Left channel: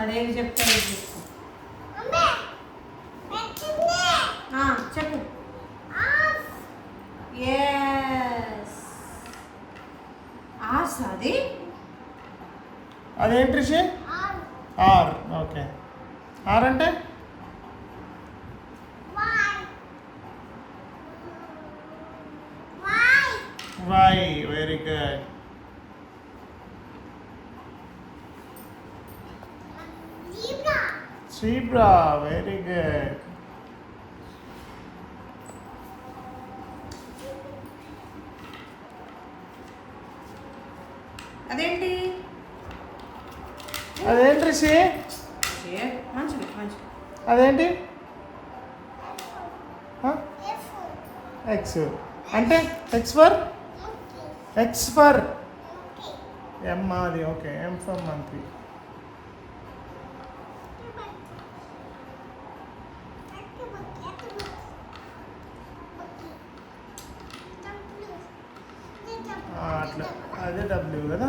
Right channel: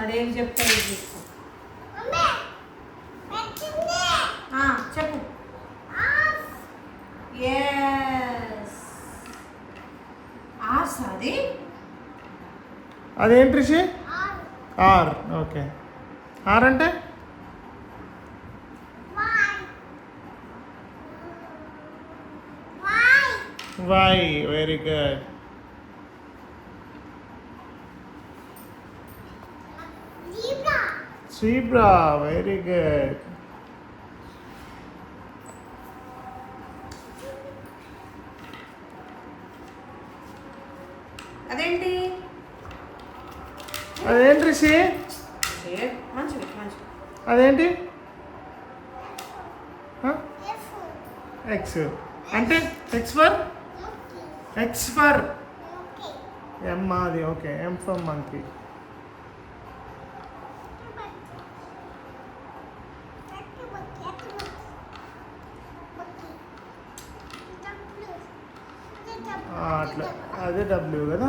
అదేం చెప్తాను చెప్పు. ఎస్ ఆర్స్ అది. అదేంటి రిషి? ఆర్. ఓకే. ఆర్ అంటే Y. Very good. Zebra. Very good. అదేంటి? అదేంటి రిషి? మంచిది. అదేంటి? ఎక్స్ అంటే ఎక్స్ ఫర్ ఎమ్. అది ఓకే. M for monkey. అట్లా అదే డబ్ల్యూ కదా.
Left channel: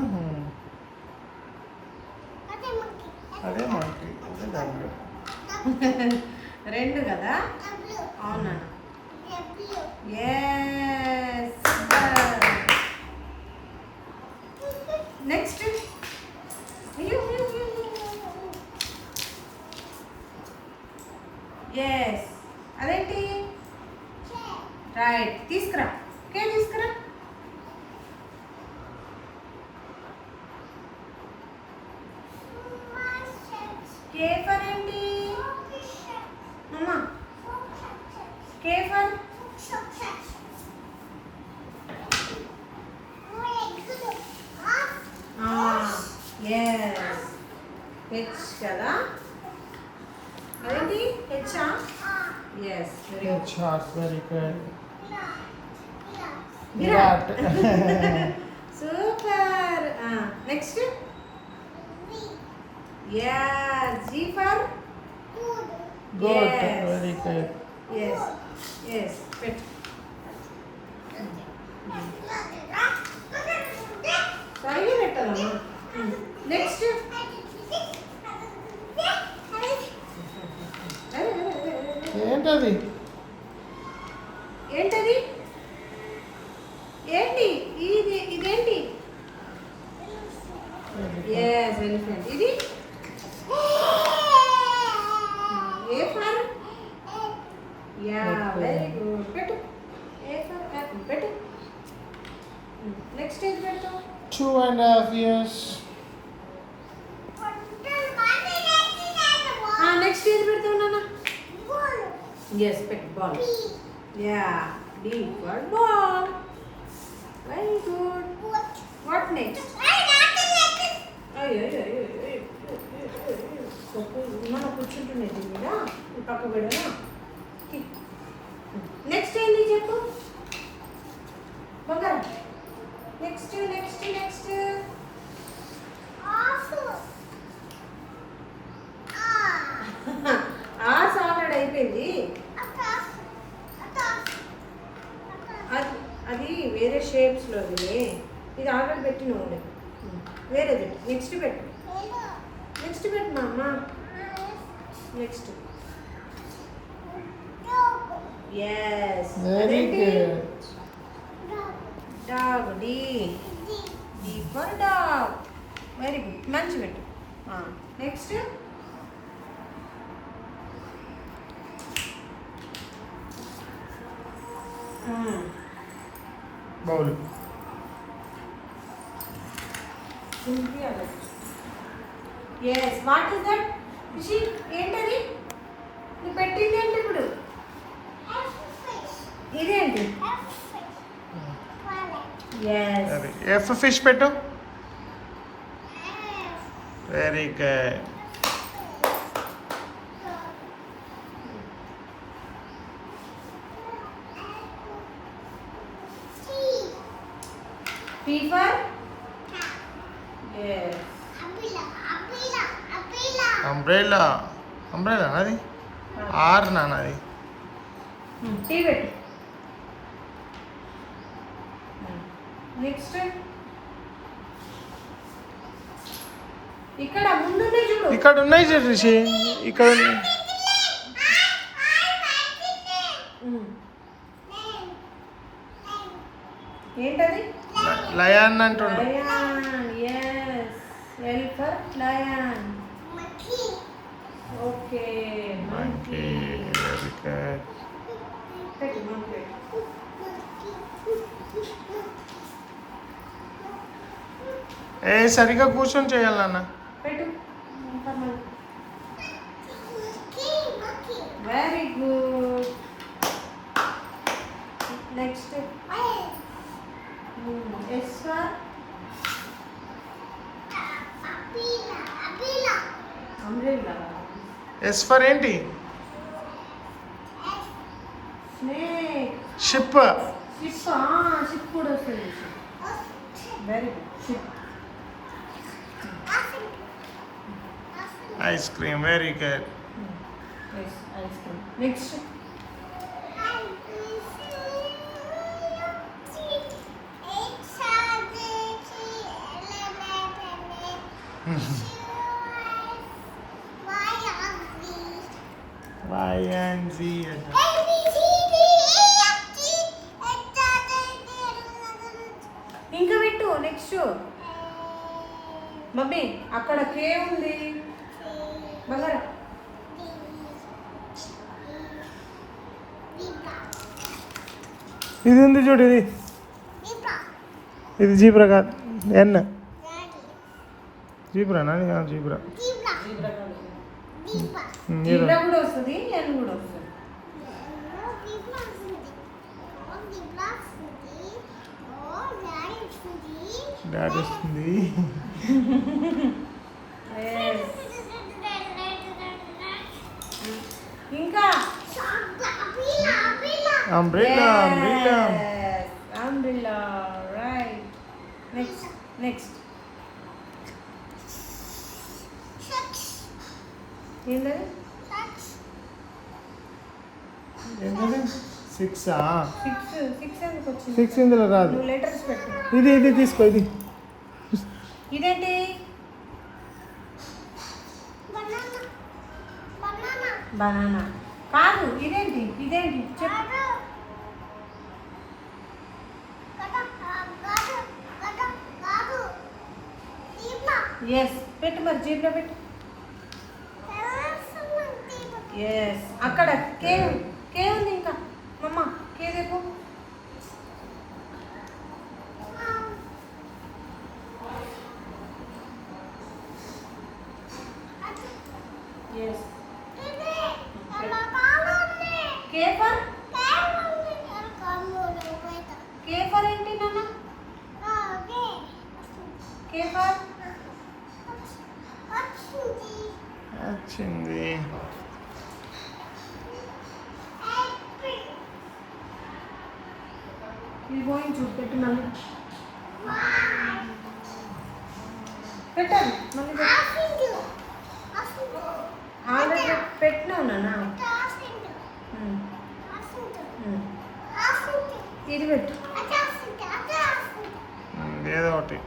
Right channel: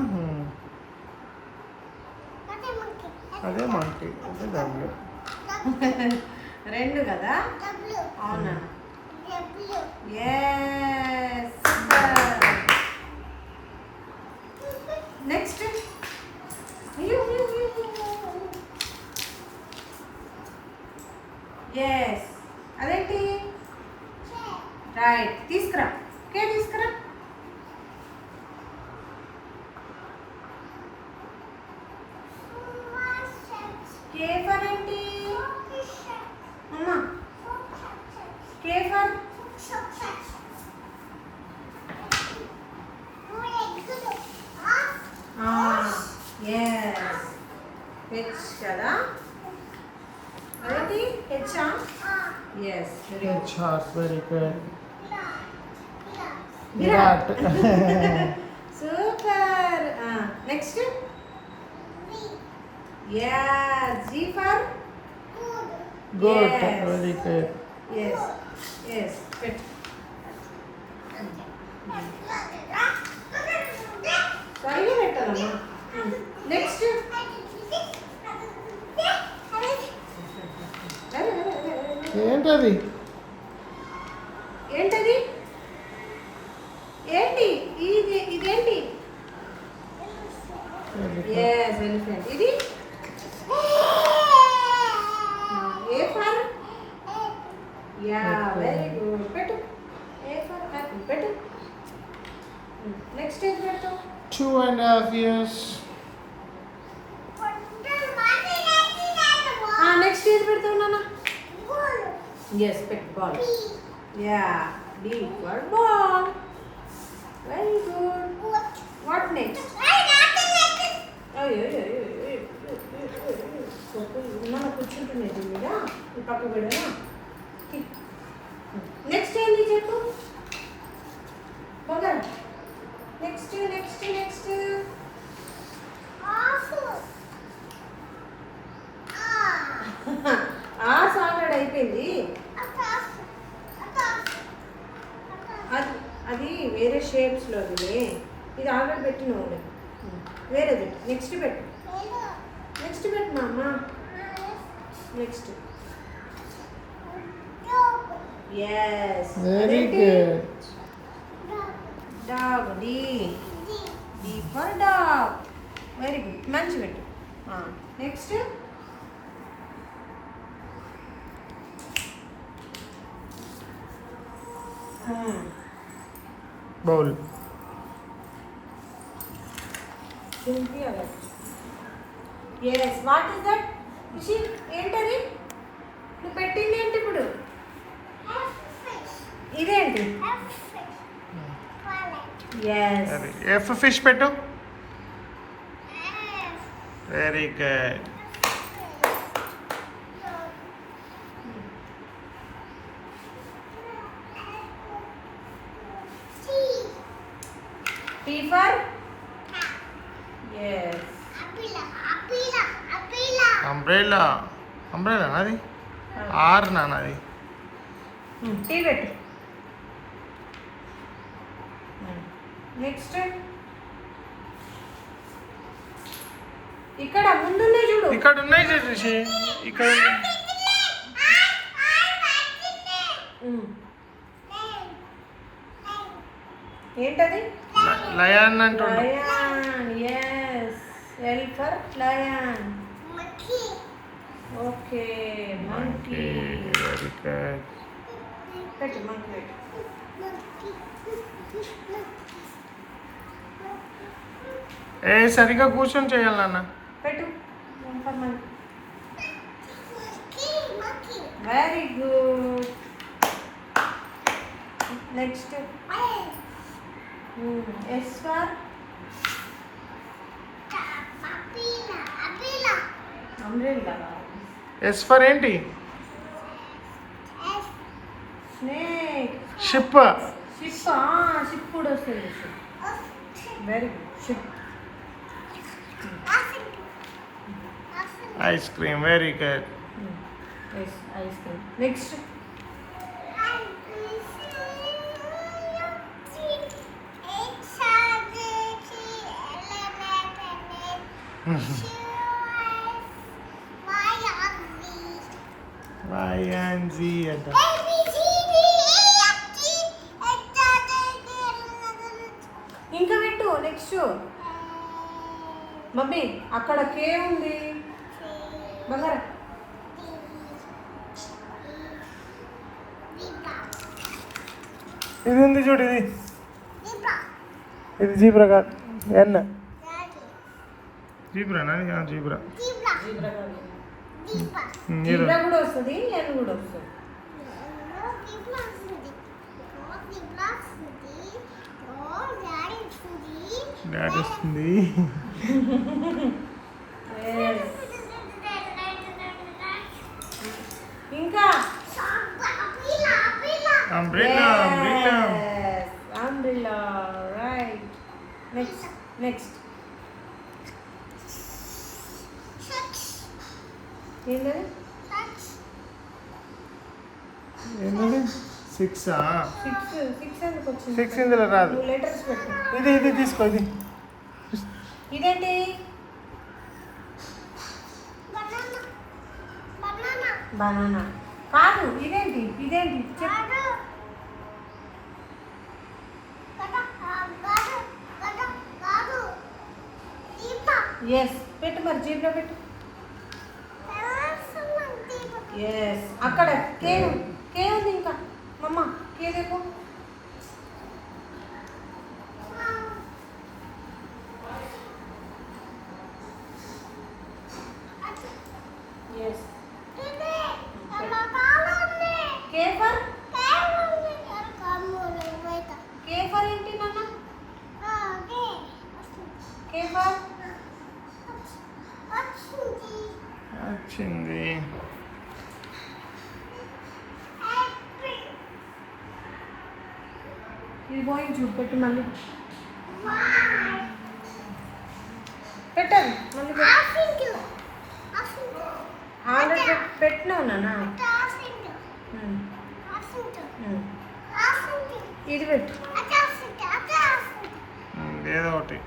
అదే మంకీ. అదే డబ్ల్యూ. రెండు కదా. అవునా? నెక్స్ట్. ఎస్ అదేంటి? రైట్. తీసుకురా. తీసుకురా. కే ఫర్ ఏంటి? అమ్మా కే ఫర్ ఎస్ హెచ్ కదా. అదేంటి? హెచ్చా? S. Very good. Virat. Super. Next. G for good. Very good. S పెట్టు. సరిగా పెట్టాలమ్మా. నెక్స్ట్. ఏంటది? ఏంటది? ఏంటి ఇదేంటి? S elephant. ఇది ఏ ఫర్ వెరీ గుడ్. పెట్టు. ఏ ఫర్ యాపిల్ పెట్టు. నెక్స్ట్ ఏది పెట్టు? 2.5 years. నెక్స్ట్ ఏది పెడతావు నాన్న? ఎస్ పెట్టు. Ball. B for ball. Very good. What next? మన కూర్చుంటున్నది మీద పక్క పెడనా? నెక్స్ట్ ఏంది చెప్పు బంగారం. నెక్స్ట్ ఆర్స్ ఆల్రెడీ అయిపోయింది. అది వేరే షేప్స్లో అది. ఇది ఆల్రెడీ పెట్టిన వేరేది. నెక్స్ట్ పెట్టు మా అమ్మ. Next. Yes very good. Dog. D for dog. Very good. మంచి పెట్టు. Next. Bowl. Yes what is that? ఏంటది నువ్వు పెట్టింది? ఏంటి ఇప్పుడు? ఇదేంటి? ఎఫ్ ఫిష్ పెట్టు. Very good. T for yes. Umbrella. Umbrella నాది. ఆర్ నాది. T పెట్టు. నెక్స్ట్. ఇక్కడ ముందుంది చూడు. ఇక్కడ ఉన్నాయి చూసి ఇక్కడ ఉన్నాయి. ఏంటది? లయన్ అంటుండు. Yes. L for lion. Okay monkey. Very good. పెట్టు monkey. ఏ సరిగా కూర్చొని చేయాలి నాన్న. పెట్టు. Very good. Next yes for umbrella. S for ఏంటి? స్నేక్. షిప్. షిప్ కూడా వస్తుంది. Very good. Ship. Ice cream. Very good. Yes ice cream. Next Y and Z అంట. ఇంకా పెట్టు. నెక్స్ట్ మమ్మీ అక్కడ కే ఉంది. బంగారా ఇది ఉంది చూడు. ఇది జీబ్రా కాదు. ఎన్న జీబ్రానా? జీబ్రా. జీబ్రా కూడా వస్తుంది. ఎన్ కూడా వస్తుంది. డాడీ వస్తుంది. ఇంకా umbrella. Umbrella. Umbrella. Right. Next next ఏంటది? ఏంటది? సిక్సా? సిక్స్ ఎందుకు వచ్చింది? 6 ఇందులో రాదు. నువ్వు లెటర్స్ పెట్టు. ఇది తీసుకో. ఇది ఇదేంటి? బనానా కాదు. ఇదేంటి? చెప్పు. ఎస్ పెట్టు. మరి జీబ్లో పెట్టు. ఎస్ అక్కడ కే ఉంది. ఇంకా మమ్మ కే దేపు. ఎస్ కే ఫర్ ఏంటి నాన్న? కే ఫర్ వచ్చింది. ఇది పోయి చూడు. పెట్టు మళ్ళీ. పెట్టాను మళ్ళీ. ఆల్రెడీ పెట్టినావు నాన్న. ఇది పెట్టు. ఏదో ఒకటి.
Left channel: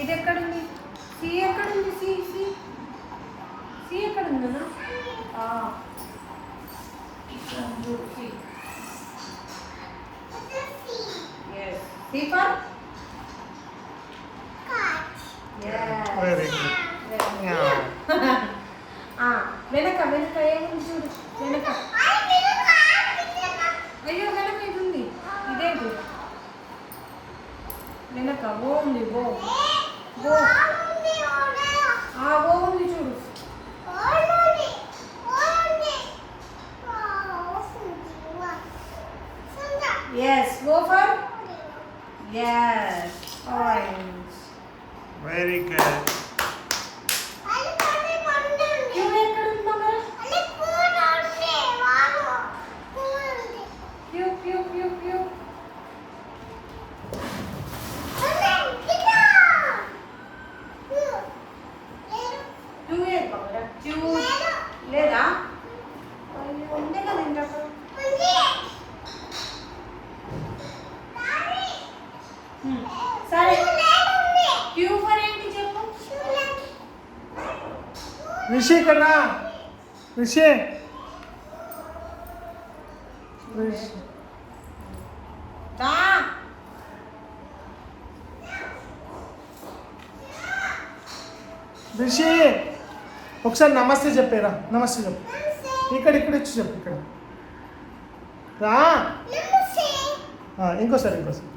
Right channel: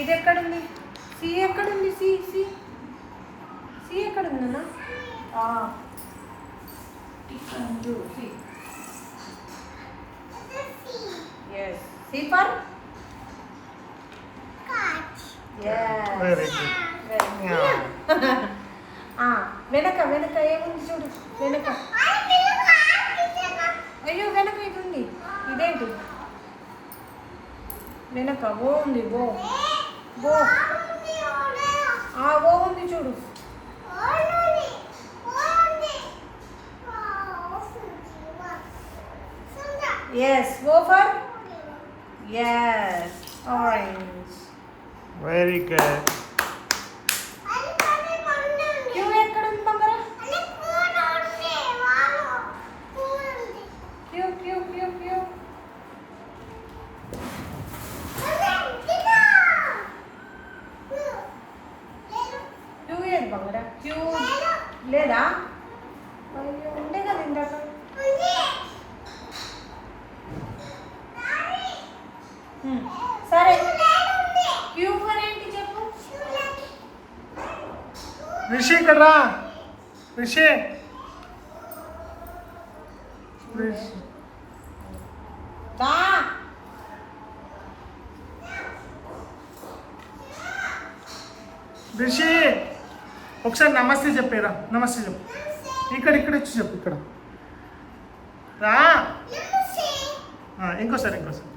ఇది ఎక్కడుంది? సి ఎక్కడుంది? సి సి సి ఎక్కడుందన్నా? C. C for very good. వెనక ఏముంది చూడు. వెనక అయ్యో వెనక ఇది ఉంది. ఇదేంటి? వెనక ఓ ఉంది. ఓ ఉంది చూడు. Yes O for yes orange. Very good. లేదా? అయ్యో ఉండే కదా ఇందాక. రిషి ఇక్కడ రా. రిషి రిషి. దా. రిషి ఒకసారి నమస్తే చెప్పేరా. నమస్తే చెప్పు. ఇక్కడ ఇక్కడ వచ్చి చెప్పు. ఇక్కడ రా. ఇంకోసారి ఇంకోసారి.